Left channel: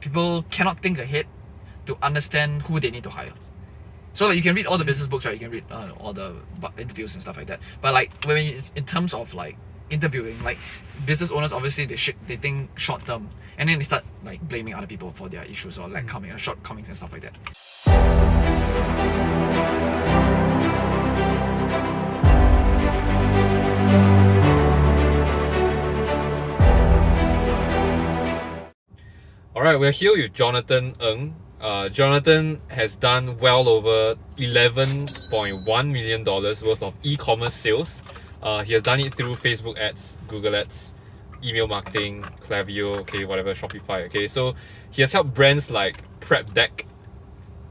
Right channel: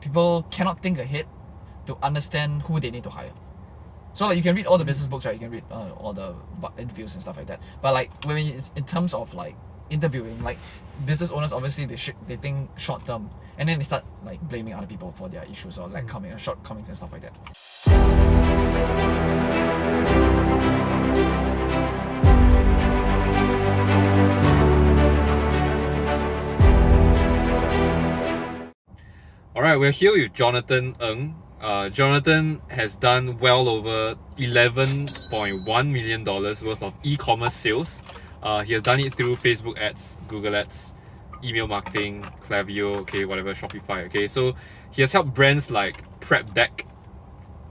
people cannot think ahead to understand who they need to hire. So like you can read all the business books, right? You can read all the interviews and stuff like that. But like when it's in terms of like interviewing, like business owners obviously they think short term, and then they start like blaming other people for their issues or like shortcomings and stuff like that. Alright, we're here with Jonathan Ng. Jonathan has done well over $11.1 million worth of e-commerce sales. He has done it through Facebook ads, Google ads, email marketing, Klaviyo, okay, whatever, Shopify, okay. So he has helped brands like Prep Deck,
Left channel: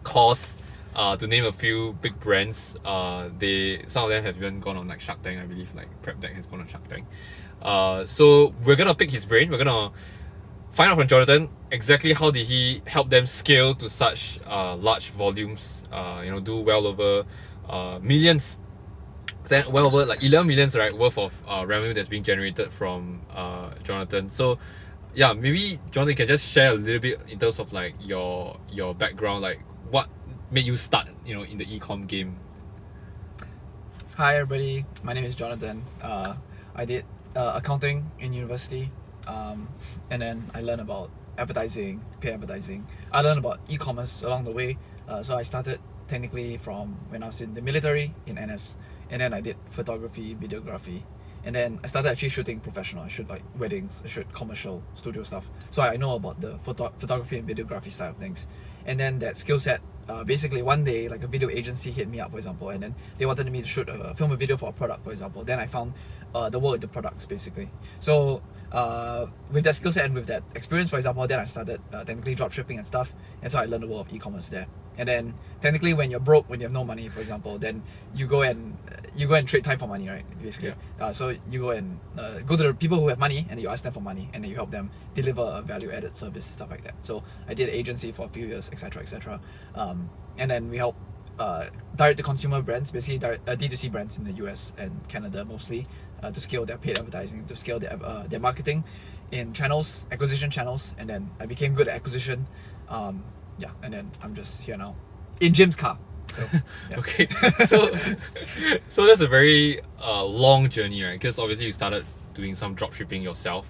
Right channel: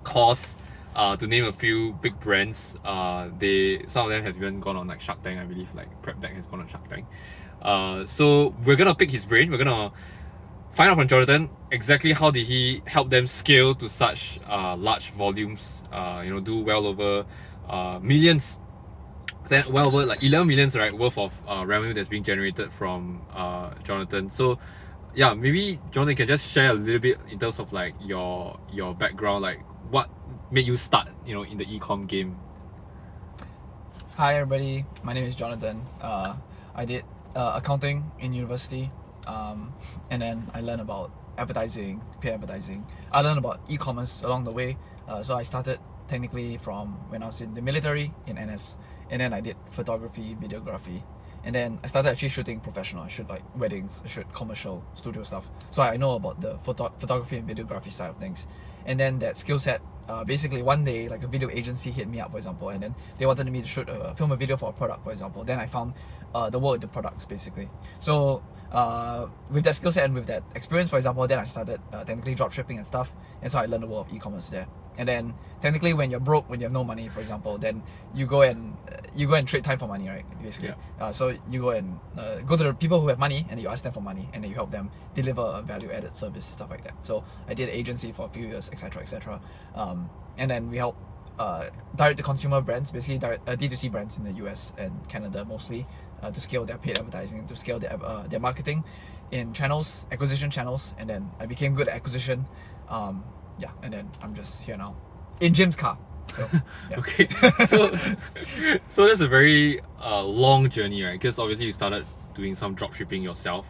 Cause, to name a few big brands. Some of them have even gone on like Shark Tank, I believe, like Prep Deck has gone on Shark Tank. So we're gonna pick his brain. We're gonna find out from Jonathan exactly how did he help them scale to such large volumes, do well over millions, then well over like 11 millions, right, worth of revenue that's being generated from Jonathan. So yeah, maybe Jonathan can just share a little bit in terms of like your background, like what made you start in the e-com game. Hi everybody, my name is Jonathan. I did accounting in university. And then I learned about advertising, paid advertising. I learned about e-commerce along the way. So I started technically from when I was in the military in NS, and then I did photography, videography, and then I started actually shooting professional. I shoot like weddings, I shoot commercial studio stuff. So I know about the photography and videography side of things. And then that skill set, basically one day like a video agency hit me up, for example, and then they wanted me to film a video for a product, for example. Then I found the world into products basically. So with that skill set and with that experience, for example, then I started technically drop shipping and stuff, and so I learned the world of e-commerce there. And then technically when you're broke, when you have no money, for example, then you go and trade time for money, right, basically. Yeah. So you go and go to the people who have money and you ask them for money, and then you help them deliver a value added service, stuff like that. So I did agency for a few years, etc. And then we help direct to consumer brands, basically D2C brands in the US and Canada mostly, to scale their paid advertising, to scale their marketing in channels, acquisition channels. And then I became good at acquisition, and then I'm just here now in Jim's car. So, yeah. Okay, so that's a very long journey, right? Because obviously you started doing some drop shipping yourself.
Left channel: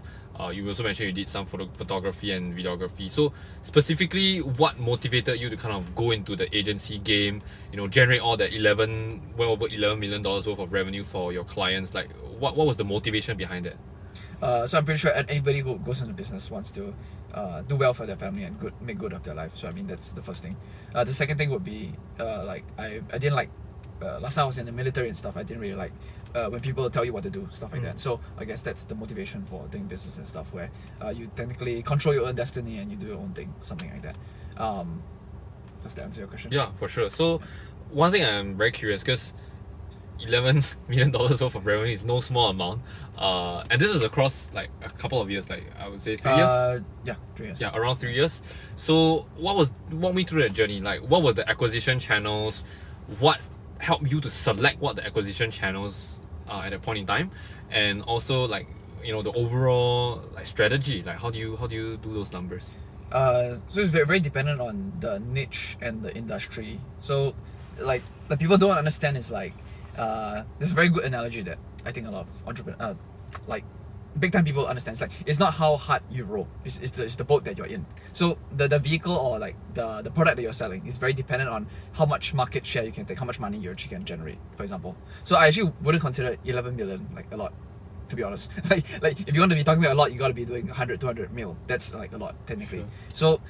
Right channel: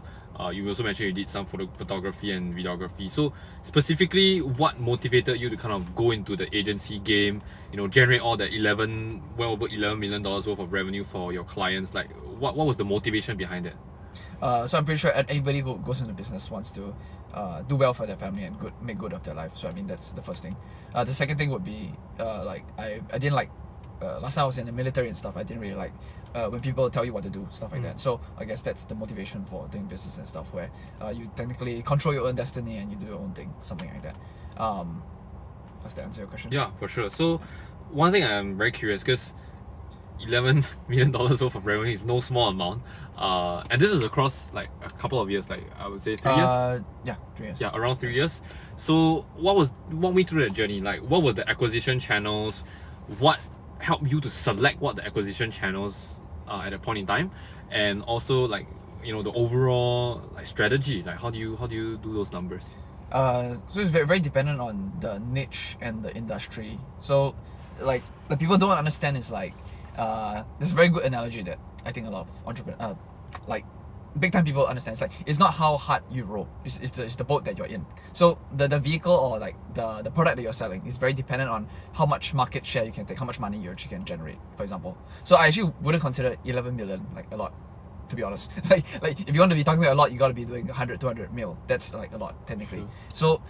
You also mentioned you did some photography and videography. So specifically, what motivated you to kind of go into the agency game, generate all the well over $11 million worth of revenue for your clients? Like, what was the motivation behind it? So I'm pretty sure anybody who goes into business wants to do well for their family and make good of their life. So I mean, that's the first thing. The second thing would be like I didn't like last time I was in the military and stuff. I didn't really like when people tell you what to do, stuff like that. So I guess that's the motivation for doing business and stuff, where you technically control your own destiny and you do your own thing, something like that. Does that answer your question? Yeah, for sure. So one thing I'm very curious, because $11 million worth of revenue is no small amount, and this is across like a couple of years, like I would say 3 years. Yeah, 3 years. Yeah, around 3 years. So walk me through that journey. Like, what were the acquisition channels? What helped you to select what the acquisition channels at that point in time, and also like the overall like strategy. Like, how do you do those numbers? So it's very, very dependent on the niche and the industry. So like the people don't understand is like there's a very good analogy that I think a lot of entrepreneurs, like big time people understand. It's like, it's not how hard you row, it's the boat that you're in. So the vehicle or like the product that you're selling is very dependent on how much market share you can take, how much money you actually can generate, for example. So I actually wouldn't consider 11 million like a lot, to be honest. like if you want to be talking about a lot, you got to be doing 100-200 mil. That's like a lot technically. So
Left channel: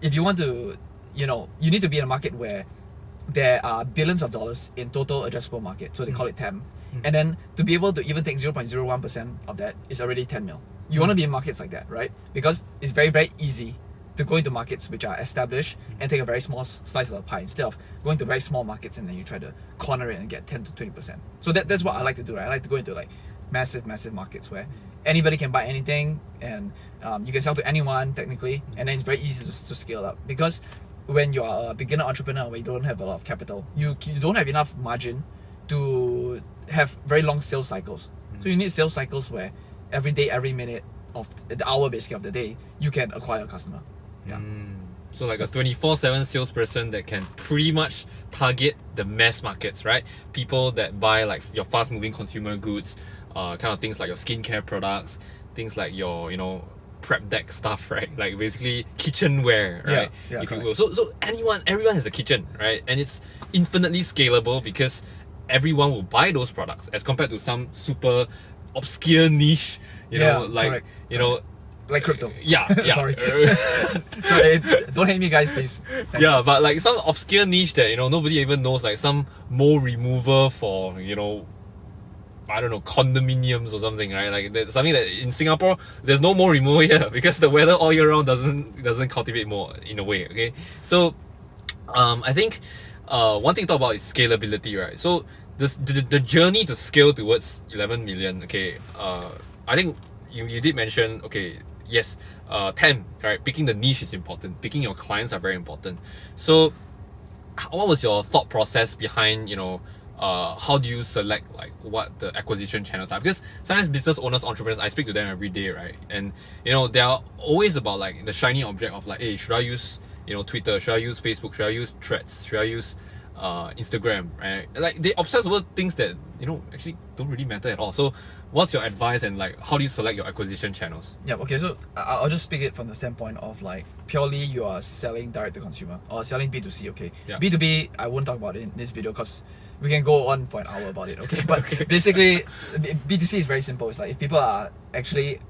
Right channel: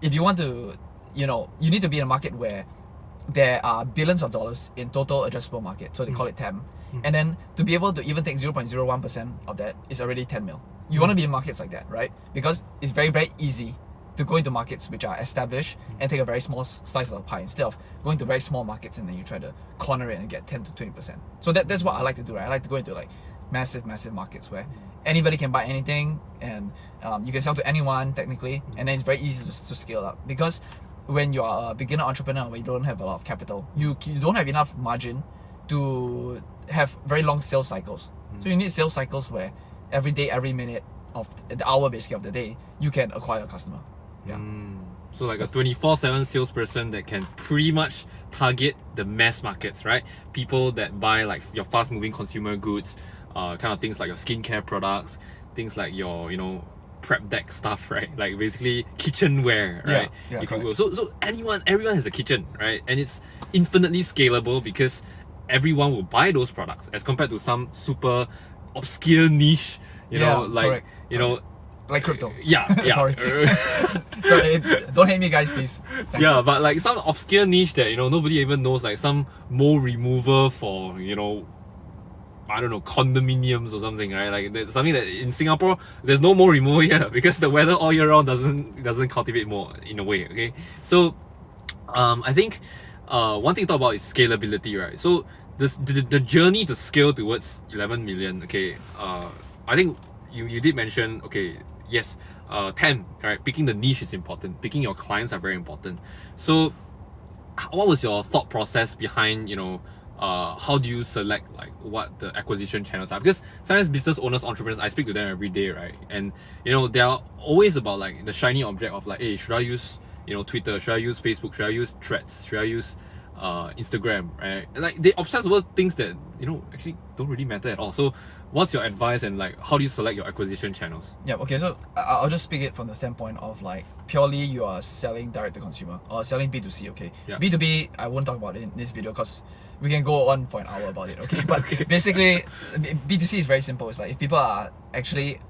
if you want to, you need to be in a market where there are billions of dollars in total addressable market, so they call it TAM. And then to be able to even take 0.01% of that is already 10 mil. You want to be in markets like that, right? Because it's very, very easy to go into markets which are established and take a very small slice of the pie, instead of going to very small markets and then you try to corner it and get 10 to 20%. So that's what I like to do, right? I like to go into like massive markets where anybody can buy anything, and you can sell to anyone technically, and then it's very easy to scale up. Because when you are a beginner entrepreneur where you don't have a lot of capital, you don't have enough margin to have very long sales cycles. So you need sales cycles where every day, every minute of the hour basically of the day, you can acquire a customer. Yeah. So like a 24/7 salesperson that can pretty much target the mass markets, right? People that buy like your fast-moving consumer goods, kind of things like your skincare products, things like your prep deck stuff, right? Like basically kitchenware, right? Yeah, If you correct. will. So everyone has a kitchen, right? And it's infinitely scalable because everyone will buy those products as compared to some super obscure niche, like correct. you know Like crypto. yeah. Sorry. Sorry, don't hate me, guys, please. Thank Yeah, you. but like some obscure niche that nobody even knows, like some mole remover for I don't know, condominiums or something, right? Like there's something that in Singapore there's no mole remover here because the weather all year round doesn't cultivate more in a way. Okay, so I think one thing to talk about is scalability, right? So the journey to scale towards 11 million. Okay, I think you did mention, okay, yes, 10, right? Picking the niche is important. Picking your clients are very important. So what was your thought process behind how do you select like what the acquisition channels are? Because sometimes business owners, entrepreneurs, I speak to them every day, right? And they are always about like the shiny object of like, hey, should I use Twitter? Should I use Facebook? Should I use Threads? Should I use Instagram? Right? Like they obsess over things that actually don't really matter at all. So what's your advice, and like how do you select your acquisition channels? Yeah, okay, so I'll just speak it from the standpoint of like purely you are selling direct to consumer or selling B2C, okay? Yeah. B2B, I won't talk about it in this video because we can go on for an hour about it, okay? But basically, B2C is very simple. It's like if people are actually,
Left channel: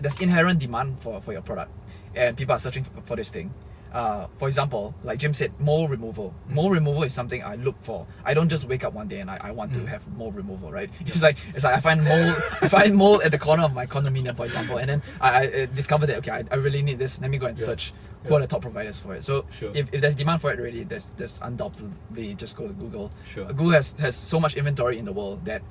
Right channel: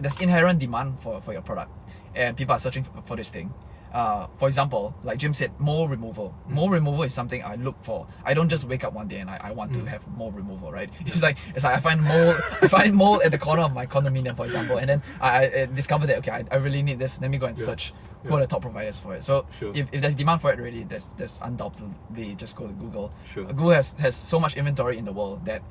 there's inherent demand for your product and people are searching for this thing. For example, like Jim said, mole removal. Mole removal is something I look for. I don't just wake up one day and I want to have mole removal, right? It's like I find mole at the corner of my condominium, for example, and then I discover that okay, I really need this. Let me go and search who are the top providers for it. So if there's demand for it already, there's undoubtedly just go to Google. Google has so much inventory in the world that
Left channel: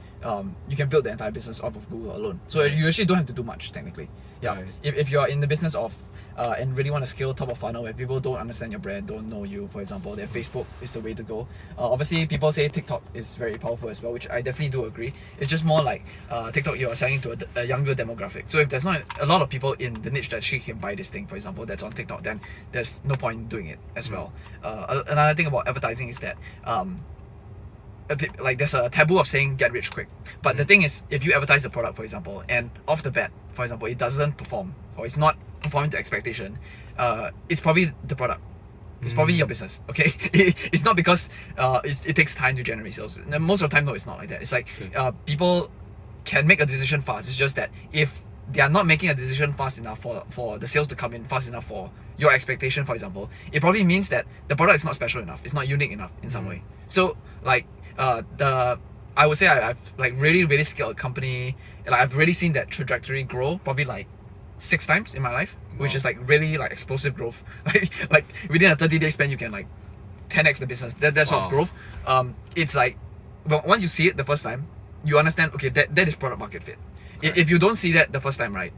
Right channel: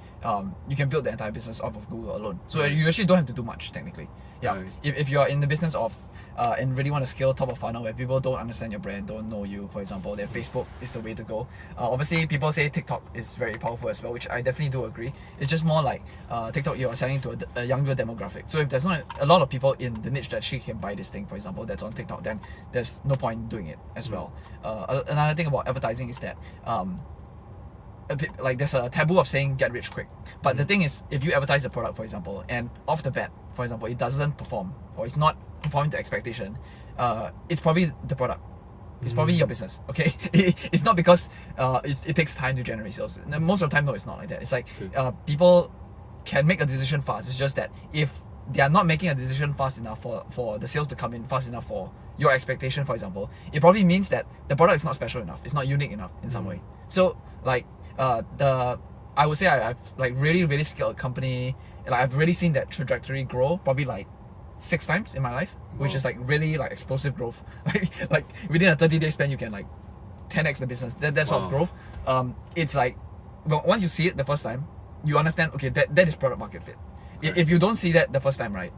you can build the entire business off of Google alone. So you actually don't have to do much technically. Yeah. If you're in the business of and really want to scale top of funnel where people don't understand your brand, don't know you, for example, then Facebook is the way to go. Obviously, people say TikTok is very powerful as well, which I definitely do agree. It's just more like TikTok, you're selling to a younger demographic. So if there's not a lot of people in the niche that she can buy this thing, for example, that's on TikTok, then there's no point doing it as well. Another thing about advertising is that like there's a taboo of saying get rich quick, but the thing is, if you advertise a product, for example, and off the bat, for example, it doesn't perform or it's not performing to expectation, it's probably the product, it's probably your business, okay? It's not because it takes time to generate sales. Most of the time, no, it's not like that. It's like people can make a decision fast. It's just that if they are not making a decision fast enough for the sales to come in fast enough for your expectation, for example, it probably means that the product is not special enough, it's not unique enough in some way. So like I would say I've like really scaled a company. Like I've really seen that trajectory grow probably like 6 times in my life, which is like really like explosive growth. like within a 30-day span you can like 10x the business. That sort of growth. It's like once you see it the first time, you understand, okay, that is product market fit. If you don't see that the first time, right,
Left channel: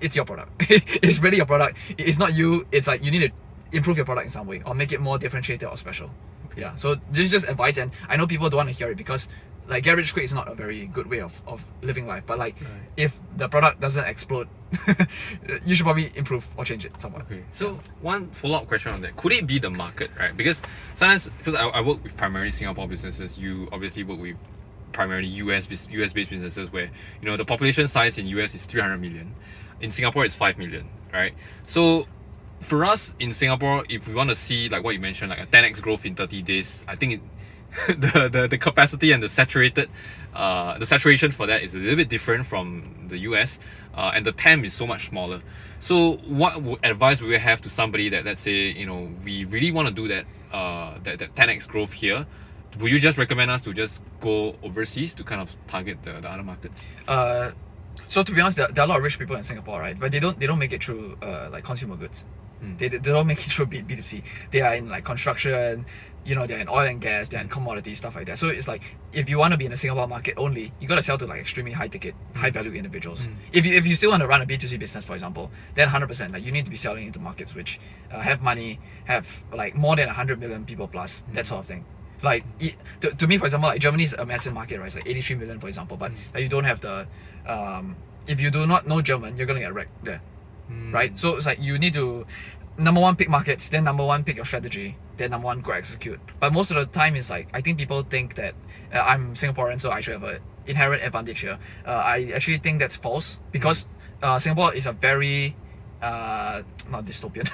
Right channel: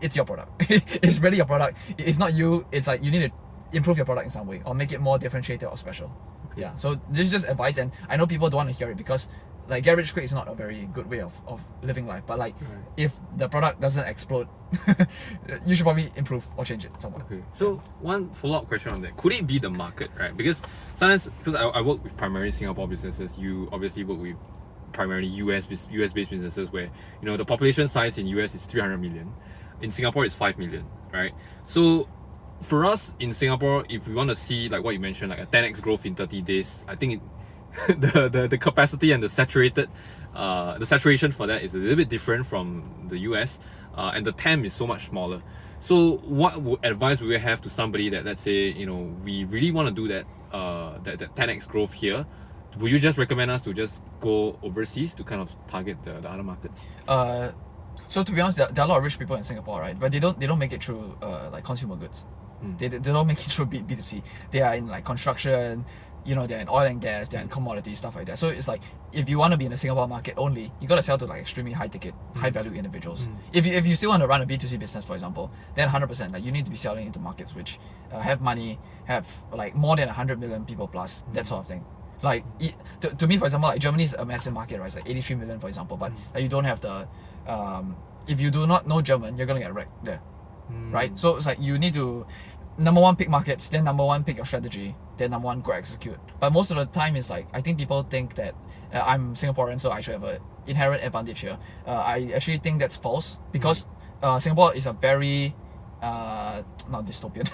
it's your product. It's really your product. It's not you. It's like you need to improve your product in some way or make it more differentiated or special. Yeah, so this is just advice, and I know people don't want to hear it because like get rich quick is not a very good way of living life, but like if the product doesn't explode, you should probably improve or change it somewhat. Okay, so one follow-up question on that, could it be the market, right? Because sometimes, because I work with primarily Singapore businesses, you obviously work with primarily US based businesses where the population size in US is 300 million, in Singapore it's 5 million, right? So for us in Singapore, if we want to see like what you mentioned, like a 10x growth in 30 days, I think the capacity and the saturation for that is a little bit different from the US, and the TAM is so much smaller. So what advice would you have to somebody that, let's say, we really want to do that 10x growth here? Would you just recommend us to just go overseas to kind of target the other markets? So to be honest, there are a lot of rich people in Singapore, right? But they don't make it through like consumer goods. They don't make it through B2C. They are in like construction, they're in oil and gas, they're in commodities, stuff like that. So it's like if you want to be in the Singapore market only, you got to sell to like extremely high ticket, high value individuals. If you still want to run a B2C business, for example, then 100%, like you need to be selling into markets which have money, have like more than 100 million people plus, that sort of thing. Like to me, for example, like Germany is a massive market, right? It's like 83 million, for example, but you don't have the if you do not know German, you're gonna get wrecked there, right? So it's like you need to number one, pick markets, then number one, pick your strategy, then number one, go execute. But most of the time it's like, I think people think that I'm Singaporean, so I should have an inherent advantage here. I actually think that's false, because Singapore is a very not dystopian.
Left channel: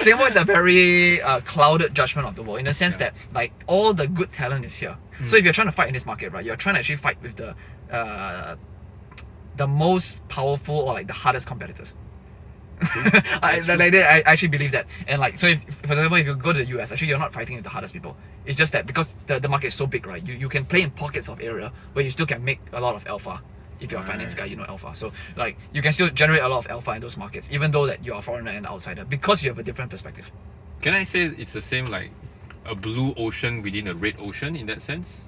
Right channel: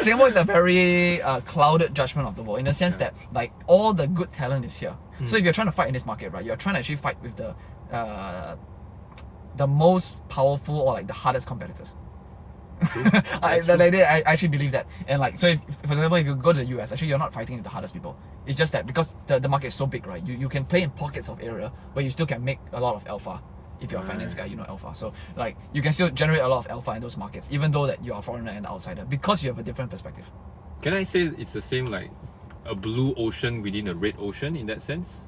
Singapore is a very clouded judgment of the world, in the sense that like all the good talent is here. So if you're trying to fight in this market, right, you're trying to actually fight with the most powerful or like the hardest competitors. I actually believe that. And like, so if, for example, if you go to the US, actually you're not fighting with the hardest people. It's just that because the market is so big, right, you can play in pockets of area where you still can make a lot of alpha. If you're a finance guy, you know alpha. So like, you can still generate a lot of alpha in those markets, even though that you're a foreigner and outsider, because you have a different perspective. Can I say it's the same like a blue ocean within a red ocean in that sense?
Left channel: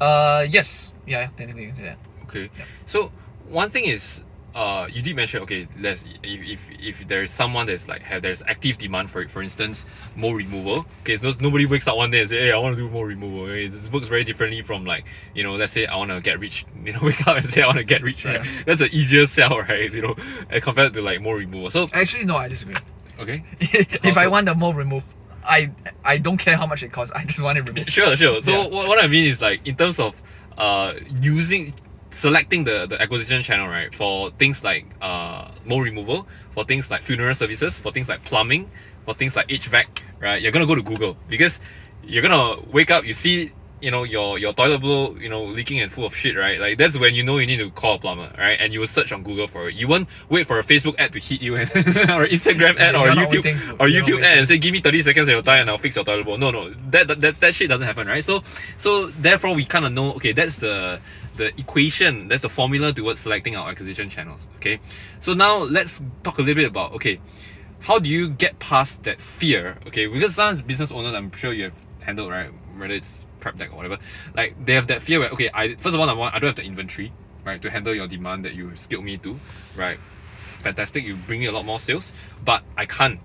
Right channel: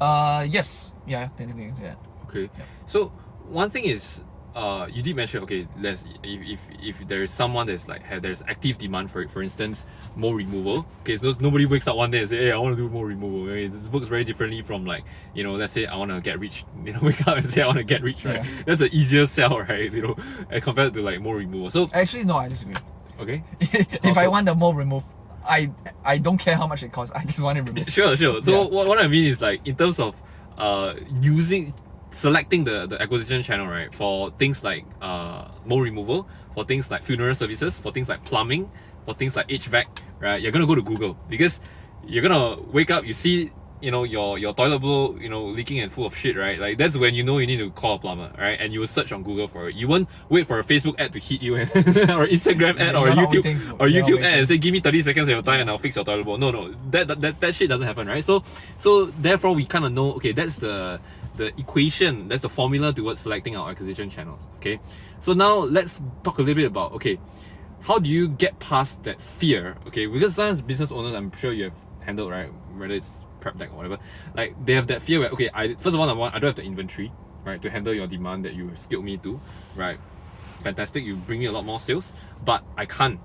Yes. Yeah, technically you can say that. Okay. Yeah. So one thing is, you did mention, okay, if there is someone that's like there's active demand for it, for instance, mole removal. Okay, so nobody wakes up one day and say, hey, I want to do mole removal. Okay, this works very differently from like, you know, let's say I want to get rich. You know, wake up and say I want to get rich, right? Yeah. That's an easier sell, right? You know, compared to like mole removal. So actually, no, I disagree. Okay. If I want the mole removed, I don't care how much it costs. I just want it removed. Sure. So what I mean is like, in terms of selecting the acquisition channel, right, for things like mole removal, for things like funeral services, for things like plumbing, for things like HVAC, right, you're gonna go to Google, because you're gonna wake up, you see, you know, your toilet bowl, you know, leaking and full of shit, right? Like, that's when you know you need to call a plumber, right? And you will search on Google for it. You won't wait for a Facebook ad to hit you and or Instagram ad or YouTube ad and say, give me 30 seconds of your time and I'll fix your toilet bowl. No, that shit doesn't happen, right? So therefore we kind of know, okay, that's the equation, that's the formula towards selecting our acquisition channels. Okay, so now let's talk a little bit about, okay, how do you get past that fear? Okay, because sometimes business owners, I'm sure you have handled, right, whether it's prep deck or whatever, like they have that fear where, okay, first of all, I don't have the inventory, right, to handle your demand that you skilled me to, right? Fantastic, you bring me a lot more sales, but I can't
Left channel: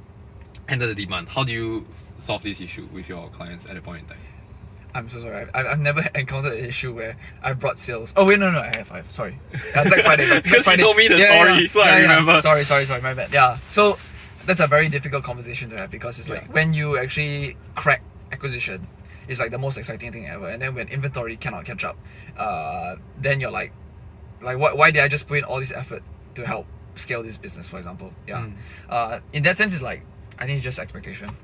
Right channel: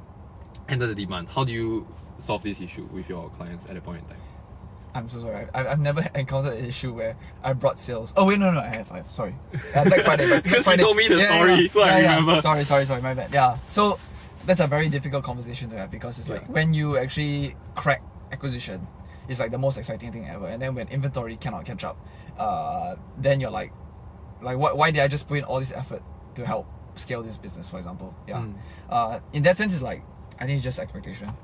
handle the demand. How do you solve this issue with your clients at that point in time? I'm so sorry. I've never encountered an issue where I brought sales. Oh wait, no, I have. Sorry. Black Friday. Because you told me the story, so I remember. Sorry, my bad. Yeah. So that's a very difficult conversation to have, because it's like when you actually crack acquisition, it's like the most exciting thing ever. And then when inventory cannot catch up, then you're like why did I just put in all this effort to help scale this business, for example? Yeah. In that sense, it's like, I think it's just expectation.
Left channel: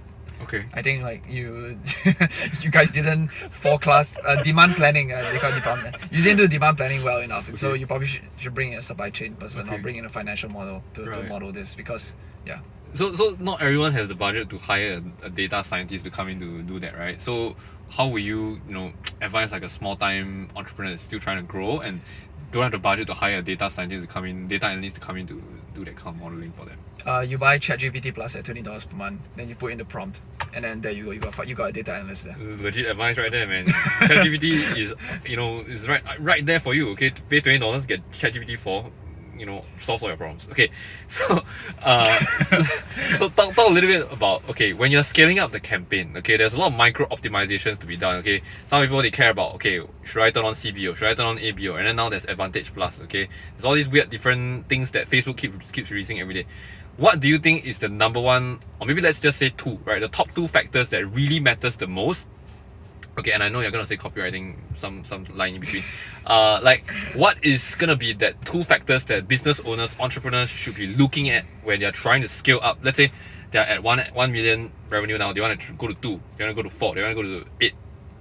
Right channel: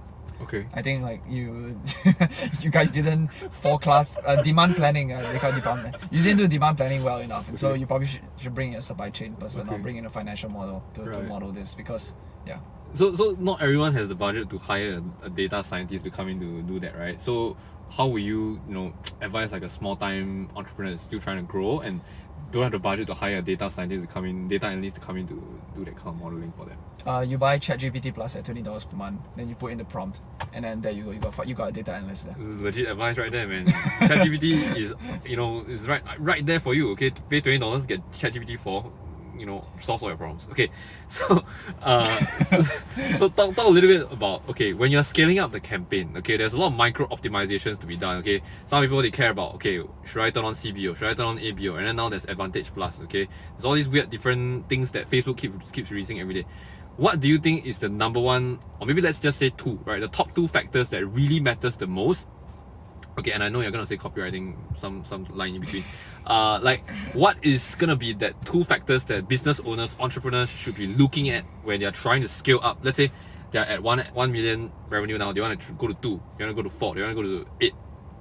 Okay. I think like you guys didn't forecast demand planning. They call it demand. You didn't do demand planning well enough, and so you probably should bring in a supply chain person or bring in a financial model to model this, because yeah. So not everyone has the budget to hire a data scientist to come in to do that, right? So how will you advise like a small time entrepreneur that's still trying to grow and don't have the budget to hire a data scientist to come in, data analyst to come in to do that kind of modeling for them? You buy ChatGPT Plus at $20 per month, then you put in the prompt, and then there you go. You got a data analyst there. This is legit advice right there, man. ChatGPT is right there for you. Okay, pay $20, get ChatGPT 4. Solves all your problems. Okay, so so talk a little bit about, okay, when you're scaling up the campaign, okay, there's a lot of micro optimizations to be done. Okay, some people, they care about, okay, should I turn on CBO, should I turn on ABO, and then now there's Advantage Plus. Okay, there's all these weird different things that Facebook keeps releasing every day. What do you think is the number one, or maybe let's just say two, right? The top two factors that really matters the most. Okay, and I know you're gonna say copywriting, some line in between. Like, what is gonna be that two factors that business owners, entrepreneurs should be looking at when they're trying to scale up? Let's say they're at 1 million revenue now. They want to go to 2. They want to go to 4. They want to go to 8,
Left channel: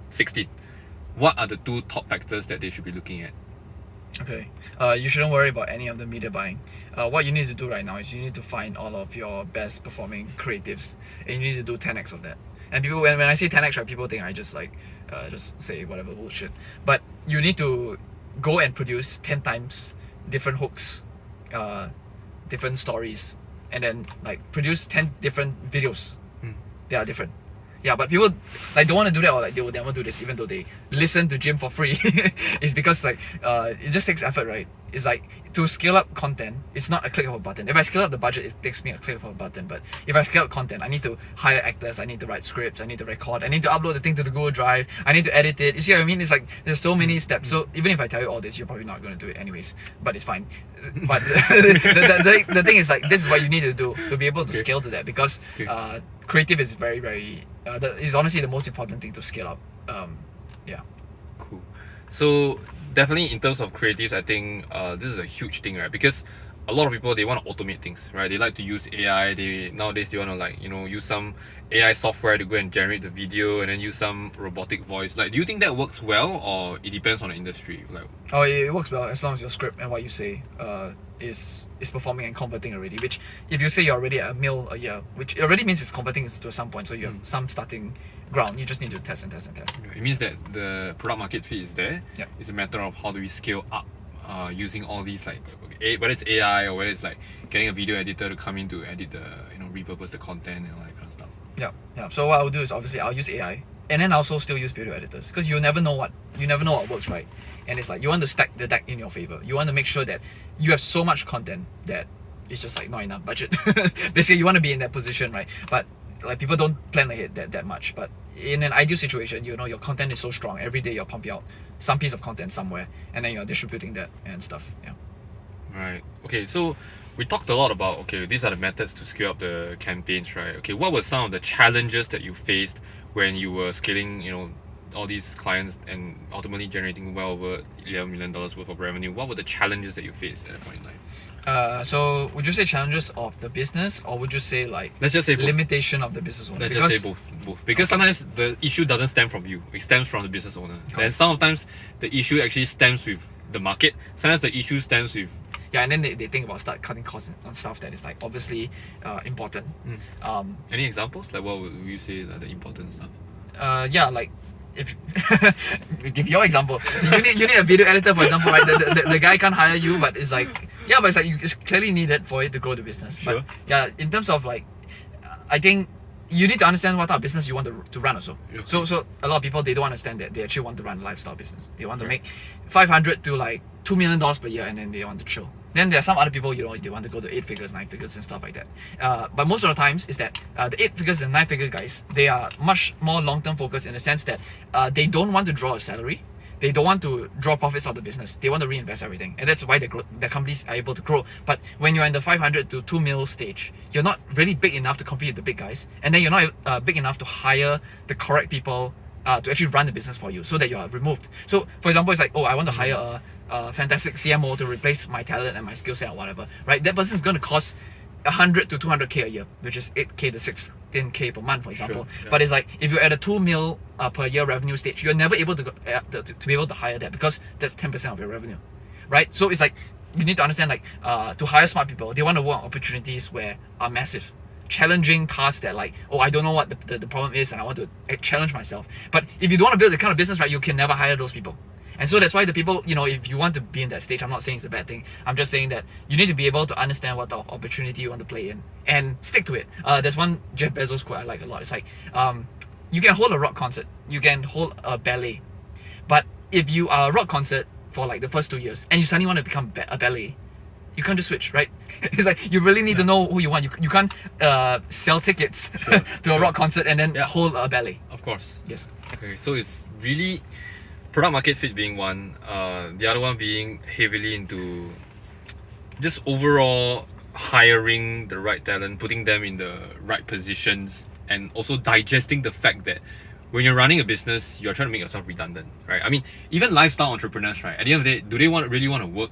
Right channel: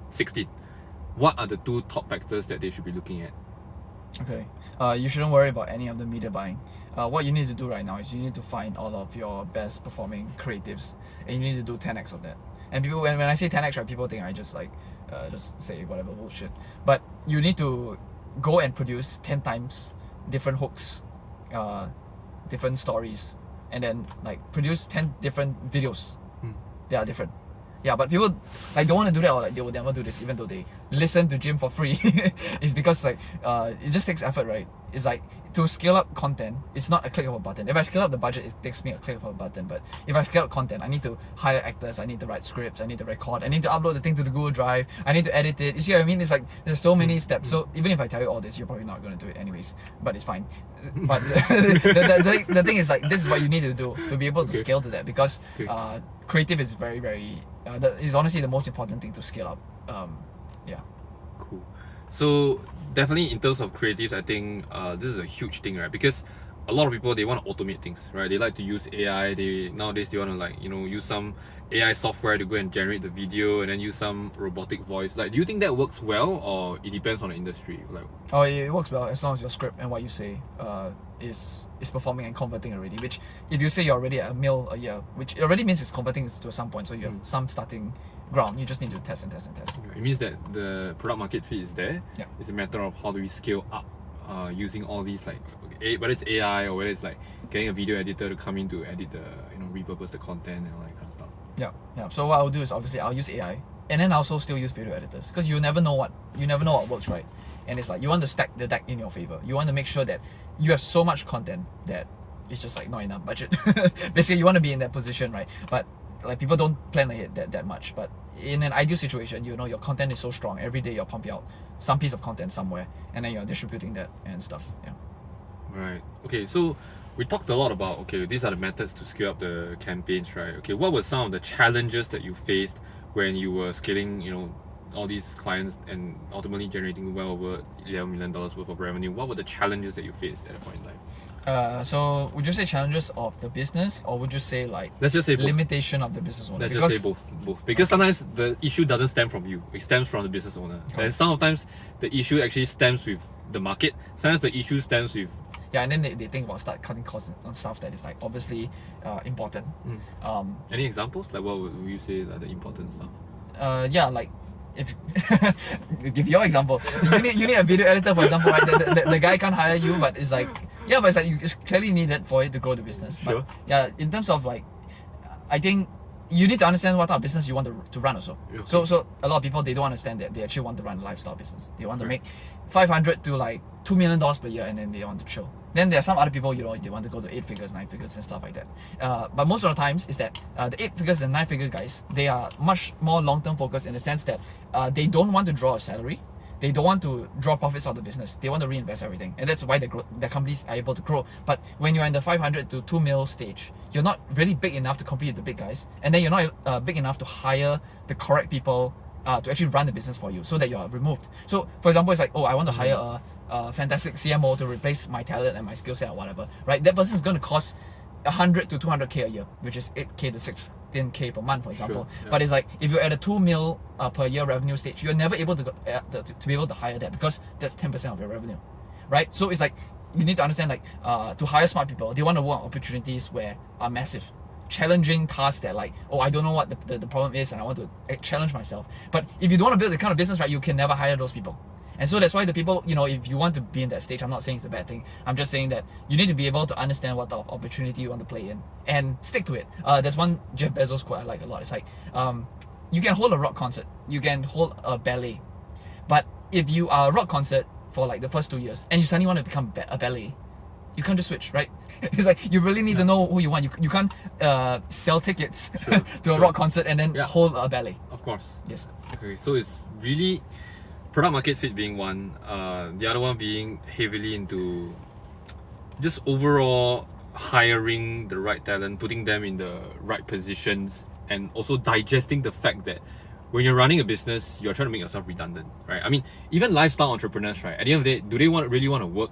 16. What are the two top factors that they should be looking at? Okay, you shouldn't worry about any of the media buying. What you need to do right now is you need to find all of your best performing creatives, and you need to do 10x of that. And people, when I say 10x, right, people think I just just say whatever bullshit. But you need to go and produce 10 times different hooks, different stories, and then like produce 10 different videos. They are different. Yeah, but people like don't want to do that, or like they will never do this, even though they listen to Jim for free. It's because like it just takes effort, right? It's like to scale up content, it's not a click of a button. If I scale up the budget, it takes me a click of a button. But if I scale up content, I need to hire actors, I need to write scripts, I need to record, I need to upload the thing to the Google Drive, I need to edit it. You see what I mean? It's like there's so many steps. So even if I tell you all this, you're probably not going to do it anyways. But it's fine. But the thing is, like, this is what you need to do to be able to scale to that, because creative is very, very is honestly the most important thing to scale up. Yeah. Cool. So definitely in terms of creatives, I think this is a huge thing, right? Because a lot of people, they want to automate things, right? They like to use AI. Nowadays they want to, like, you know, use some AI software to go and generate the video, and then use some robotic voice. Like, do you think that works well, or it depends on the industry? Like, oh, it works well as long as your script and what you say is performing and converting already. Which, if you say you're already at $1 million a year, which it already means it's converting to some point. So you have some starting ground. You just need to test and test and test. it means that the product market fit is there. Yeah. It's a matter of how do we scale up using all these, like, whether it's AI or whether it's like getting a video editor to come in to edit the, you know, repurpose the content and all that kind of stuff. Yeah. So what I'll do is, obviously I'll use AI, and then I'll also still use video editors, because you never know what works, right? And it's like you want to stack the deck in your favor. You want to make sure that you have so much content that it's just like not enough budget. Basically, you want to be in that position, right? But like, people don't plan ahead that much. But in an ideal situation, you know, your content is so strong. Every day you're pumping out some piece of content somewhere, and then you're distributing that and stuff. Yeah. Right. Okay, so we talked a lot about, okay, these are the methods to scale up the campaigns, right? Okay, what were some of the challenges that you faced when you were scaling, you know, all these clients and ultimately generating well over $11 million worth of revenue? What were the challenges that you faced at that point in time? So would you say challenges of the business, or would you say, like, let's just say both. limitation of the business owner? Let's just say both. Because sometimes the issue doesn't stem from you, it stems from the business owner. And sometimes the issue actually stems with the market. Sometimes the issue stems with and then they think about start cutting costs on stuff that is, like, obviously important. Any examples? Like, what would you say are the important stuff? Like, if give your example, you need a video editor, for example, right? The guy can't hire you, but it's like, but it's like it's clearly needed for it to grow the business. Sure. But in terms of, like, I think you need to understand what type of business you want to run also. Okay. So a lot of people, they don't understand that they actually want to run a lifestyle business. They want to make $500 to like $2 million per year, and then they want to chill. Then there are some other people, you know, they want to go to 8 figures, 9 figures and stuff like that. But most of the times is that the 8 figures and 9 figure guys, they are much more long-term focused, in the sense that they don't want to draw a salary. They don't want to draw profits out of the business. They want to reinvest everything, and that's why the companies are able to grow. But when you're in the 500 to 2 mil stage, you're not really big enough to compete with the big guys, and then you're not big enough to hire the correct people to actually run the business for you, so that you're removed. So, for example, it's like, oh, I want to hire a fantastic CMO to replace my talent and my skill set or whatever, right? That person is going to cost 100 to 200k a year, which is 8k to 16k per month, for example. Sure, yeah. But it's like, if you're at a 2 mil per year revenue stage, you're never able to be able to hire that, because that's 10% of your revenue, right? So it's like, you need to understand, like, to hire smart people, they want to work on opportunities where are massive, challenging tasks that, like, oh, I don't know what the problem is, and I want to challenge myself. But if you don't want to build the kind of business, right, you can never hire those people. And so that's why the people, you know, if you want to be in that stage, I'm not saying it's a bad thing. I'm just saying that you need to be able to understand what type of opportunity you want to play in and stick to it. There's one Jeff Bezos quote I like a lot. It's like, you can hold a rock concert, you can hold a ballet, but if you are a rock concert for like the first 2 years and you suddenly want to become a ballet, you can't just switch, right? It's like, you really need to know who you want. You can't sell tickets to a rock concert and then hold a ballet. Of course. Yes. Okay, so it's really product market fit being one, the other one being heavily into just overall hiring the right talent, putting them in the right positions, and also digesting the fact that when you're running a business, you're trying to make yourself redundant, right? I mean, even lifestyle entrepreneurs, right? At the end of the day, do they really want to work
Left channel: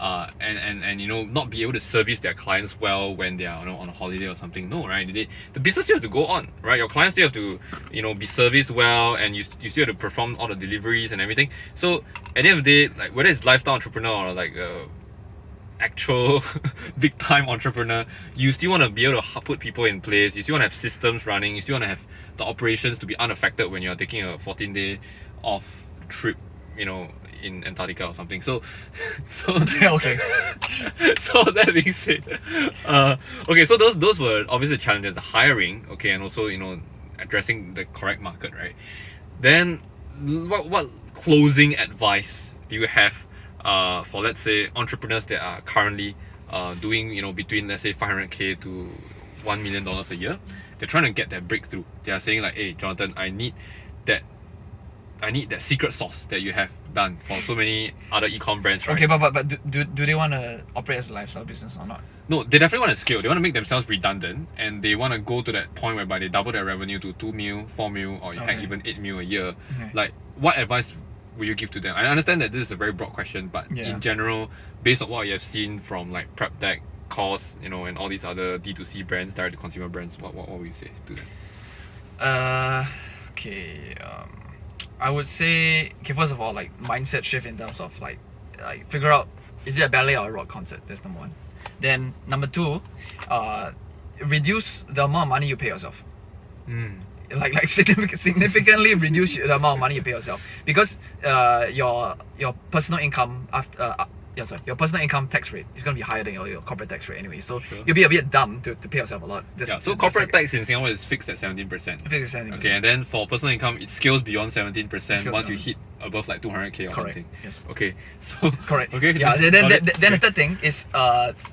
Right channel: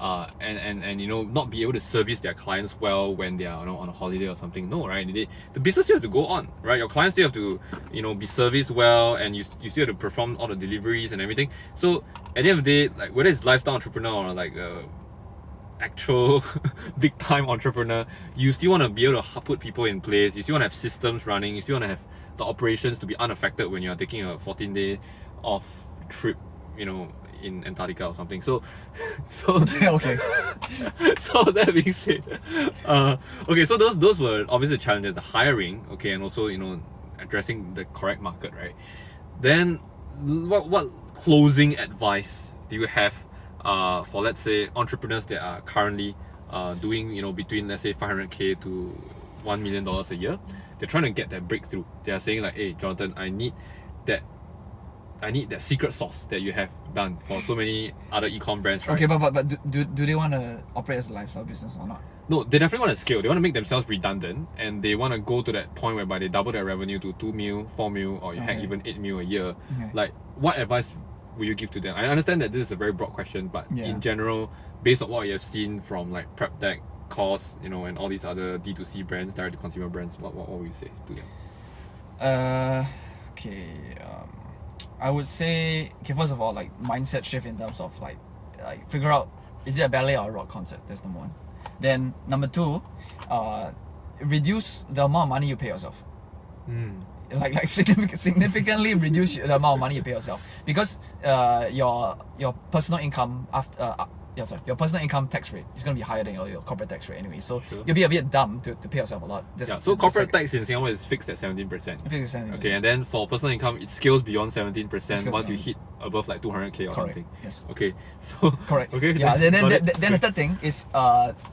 and you know, not be able to service their clients well when they are, you know, on a holiday or something? No, right? The business still have to go on, right? Your clients still have to, you know, be serviced well, and you still have to perform all the deliveries and everything. So at the end of the day, like, whether it's lifestyle entrepreneur or like actual big time entrepreneur, you still want to be able to put people in place. You still want to have systems running. You still want to have the operations to be unaffected when you're taking a 14-day off trip, you know, in Antarctica or something. So Okay. so that being said, okay, so those were obviously the challenges, the hiring, okay, and also, you know, addressing the correct market, right? Then what closing advice do you have for let's say entrepreneurs that are currently doing between let's say 500k to $1 million a year. They're trying to get that breakthrough. They are saying like, hey Jonathan, I need that secret sauce that you have done for so many other e-com brands, right? Okay, but do they want to operate as a lifestyle business or not? No, they definitely want to scale. They want to make themselves redundant, and they want to go to that point whereby they double their revenue to 2 mil, 4 mil, or heck, even 8 mil a year. Okay. Like, what advice will you give to them? I understand that this is a very broad question, but in general, based on what you have seen from like Prep Tech, Course, and all these other D2C brands, direct to consumer brands, what will you say to them? Okay. I would say, okay, first of all, like mindset shift in terms of like figure out, is it a ballet or a rock concert? That's number one. Then number two, reduce the amount of money you pay yourself. Like significantly reduce the amount of money you pay yourself, because your personal income your personal income tax rate is going to be higher than your corporate tax rate anyway. So you'll be a bit dumb to pay yourself a lot. So corporate tax in Singapore is fixed at 17%. Fixed at 17%. Okay, and then for personal income, it scales beyond 17% once you hit above like 200k or something. Yes. Okay. So correct. Okay. Yeah. Then the third thing is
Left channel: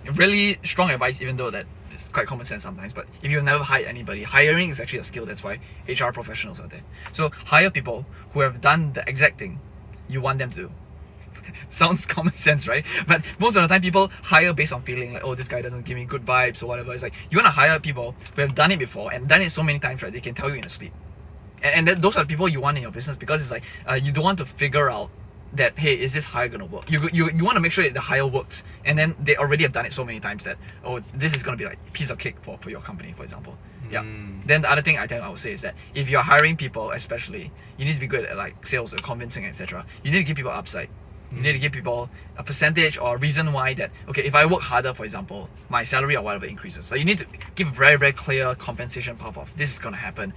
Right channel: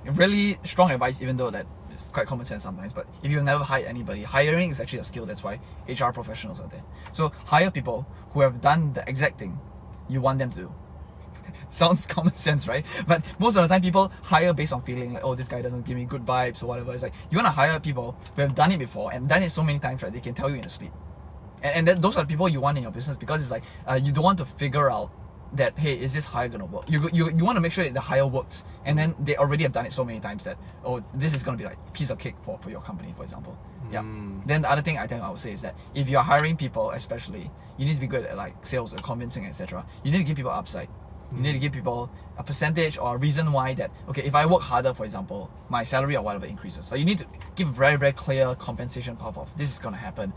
really strong advice, even though that it's quite common sense sometimes. But if you've never hired anybody, hiring is actually a skill. That's why HR professionals are there. So hire people who have done the exact thing you want them to do. Sounds common sense, right? But most of the time people hire based on feeling like, oh, this guy doesn't give me good vibes or whatever. It's like you want to hire people who have done it before and done it so many times, right? They can tell you in a sleep. And those are the people you want in your business, because it's like you don't want to figure out that, hey, is this hire gonna work? You want to make sure that the hire works, and then they already have done it so many times that, oh, this is gonna be like a piece of cake for your company, for example. Yeah. Then the other thing I would say is that if you're hiring people, especially, you need to be good at like sales or convincing, etc. You need to give people upside. You need to give people a percentage or a reason why that, okay, if I work harder, for example, my salary or whatever increases. So you need to give very, very clear compensation path of this is going to happen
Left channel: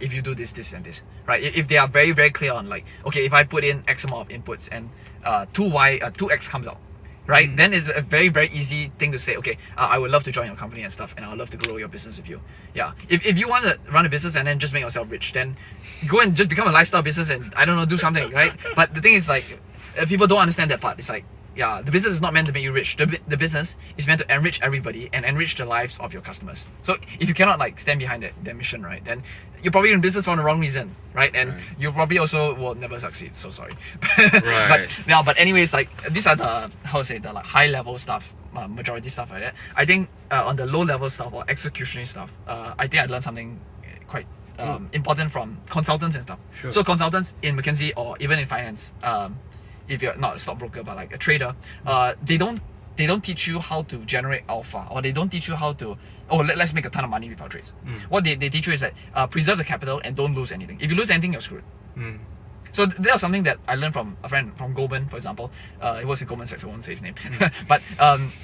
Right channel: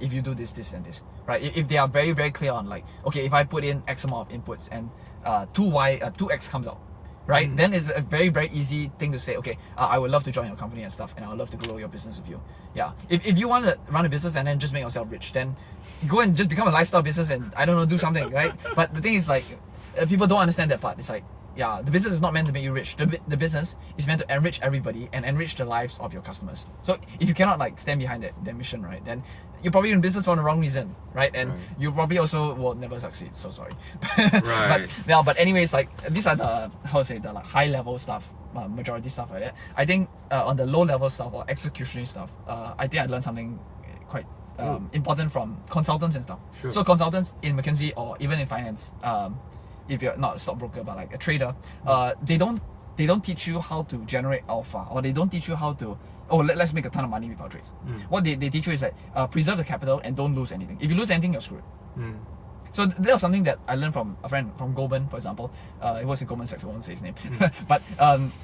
if you do this, this, and this, right? If they are very, very clear on like, okay, if I put in X amount of inputs and 2X comes out, right? Then it's a very, very easy thing to say, okay, I would love to join your company and stuff, and I would love to grow your business with you. Yeah. If you want to run a business and then just make yourself rich, then go and just become a lifestyle business and, I don't know, do something, right? But the thing is like, people don't understand that part. It's like, yeah, the business is not meant to make you rich. The business is meant to enrich everybody and enrich the lives of your customers. So if you cannot like stand behind that mission, right, then you're probably in business for the wrong reason, right? And you probably also will never succeed. So sorry. Right. But anyways, like these are the the like high level stuff, majority stuff like that. I think on the low level stuff or executionary stuff, I think I learned something quite important from consultants and stuff. Sure. So consultants in McKinsey or even in finance, if you're not a stockbroker but like a trader, they don't teach you how to generate alpha, or they don't teach you how to let's make a ton of money with our trades. What they teach you is that preserve the capital and don't lose anything. If you lose anything, you're screwed. So that was something that I learned from a friend from Goldman, for example. It was in Goldman Sachs, I won't say his name. But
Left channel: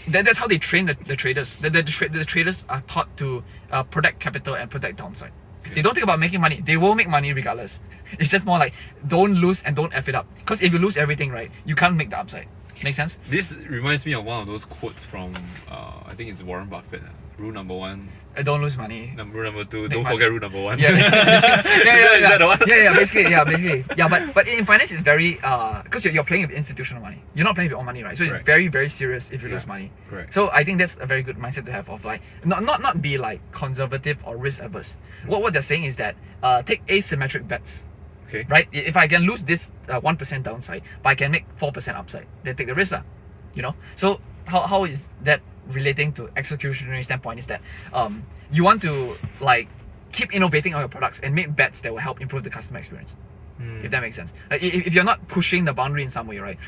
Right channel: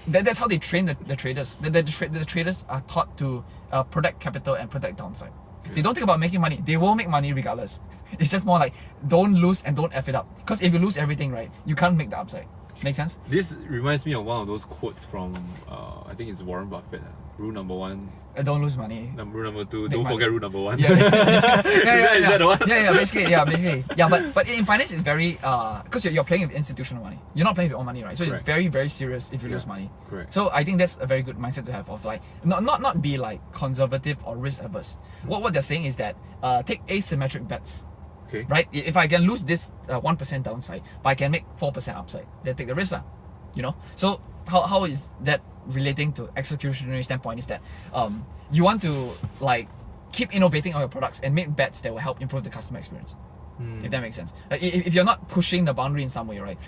that's how they train the traders. The traders are taught to protect capital and protect downside. They don't think about making money. They will make money regardless. It's just more like don't lose and don't F it up. Because if you lose everything, right, you can't make the upside. Make sense? This reminds me of one of those quotes from I think it's Warren Buffett. Rule number 1. Don't lose money. Rule number 2. Don't forget rule number 1. Yeah. Is that the one? Basically. Yeah, but in finance it's very because you're playing with institutional money. You're not playing with your own money, right? So it's very, very serious if you lose money. Correct. So I think that's a very good mindset to have of like not be like conservative or risk averse. What they're saying is that take asymmetric bets. Okay. Right? If I can lose this 1% downside, but I can make 4% upside, then take the risk. So how is that relating to executionary standpoint is that you want to like keep innovating on your products and make bets that will help improve the customer experience. If that makes sense. Like if you're not pushing the boundary in some way, right,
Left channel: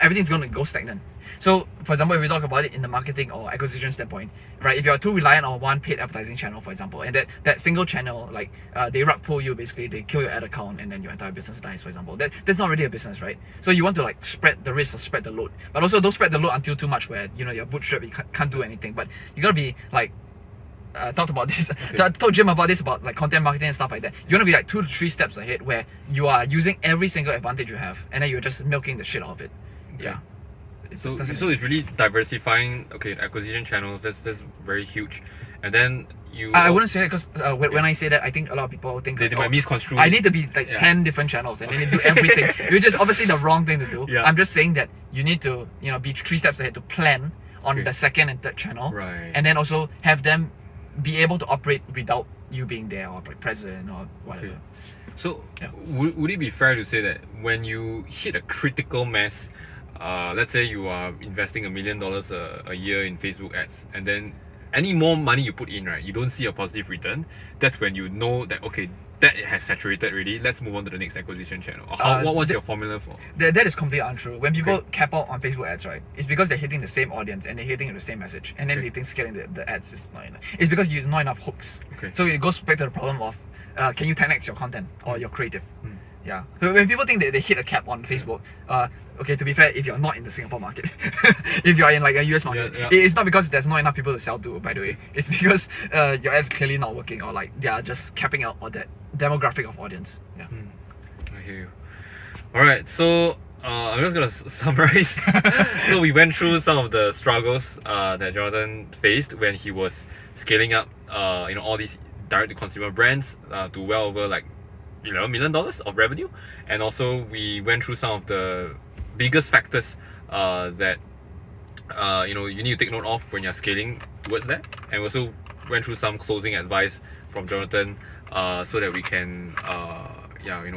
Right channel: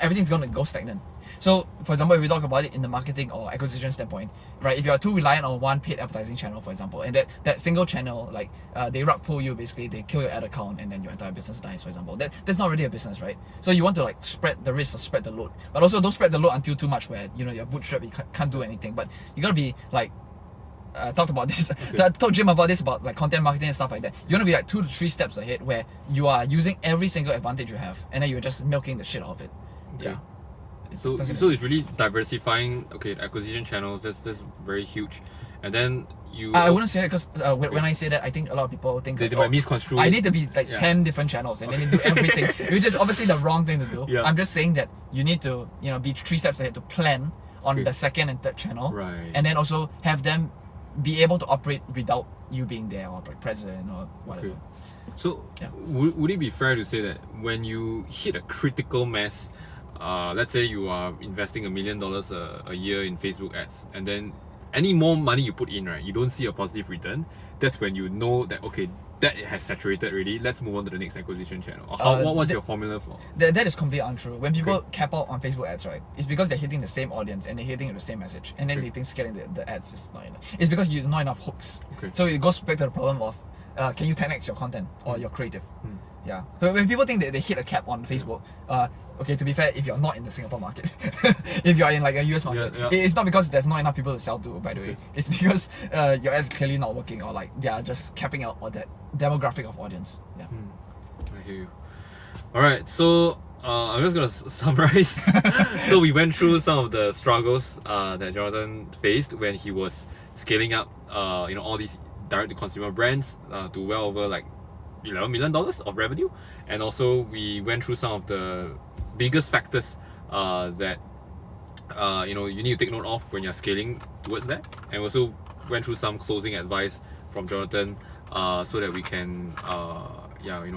everything's going to go stagnant. So for example, if we talk about it in the marketing or acquisition standpoint, right, if you're too reliant on one paid advertising channel, for example, and that single channel, like they rug pull you, basically they kill your ad account and then your entire business dies, for example, that's not really a business, right? So you want to like spread the risk or spread the load, but also don't spread the load until too much where you're bootstrapped, you can't do anything. But you gotta be like talked about this. I told Jim about this, about like content marketing and stuff like that. You want to be like 2 to 3 steps ahead, where you are using every single advantage you have, and then you're just milking the shit out of it. Okay. Yeah. So it's really diversifying. Okay, acquisition channels. That's very huge, and then you. I wouldn't say that because when I say that, I think a lot of people think They like, might misconstrue. I it. need to be like Yeah. 10 different channels and then you do everything, which is obviously the wrong thing to do. Yeah. I'm just saying that you need to, you know, be 3 steps ahead to plan on Okay. the second and third channel, Right. and then also have them be able to operate without you being there or like present or whatever. Okay. So Yeah. would it be fair to say that when you hit a critical mass, let's say you are investing $1 million a year in Facebook ads, and then any more money you put in, right, you don't see a positive return, that's when you know that, okay, that has saturated already, let's move on to the next acquisition channel? Or what's your formula for? That is completely untrue. When people Okay. cap out on Facebook ads, right, it's because they're hitting the same audience and they're hitting the same message, and then Okay. they think scaling the ads is not enough. It's because you not enough hooks. Okay. So it goes back to the problem of can you 10x your content or your creative? Mm. Yeah. So when people think that they hit a cap on Facebook, okay, to be fair, if you're not in the Singapore market, if you're in like a US market, Yeah. it's not because there's not enough people to sell to, by the way. It's because your ads clearly not working, or like they are just capping out on that demographic of audience. Yeah. I hear you. Alright, so I'm just gonna summarize. So we went through some of the struggles that Jonathan faced when he was scaling up all these direct to consumer brands to well over like $11 million of revenue, and also we went through some of the biggest factors that you need to take note of when you're scaling towards that, and also went through some closing advice from Jonathan so that we can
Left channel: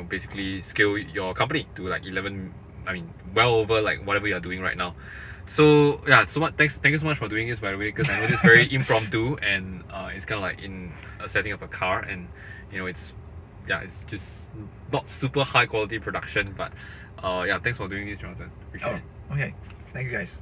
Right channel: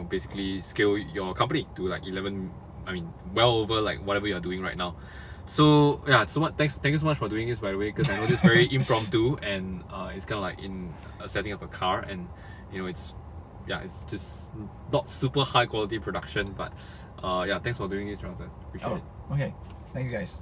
basically scale your company to like well over like whatever you're doing right now. So yeah, so much thank you so much for doing this, by the way, because I know this is very impromptu, and it's kind of like in a setting of a car, and it's just not super high quality production, but thanks for doing this, Jonathan. Appreciate it. Okay. Thank you guys.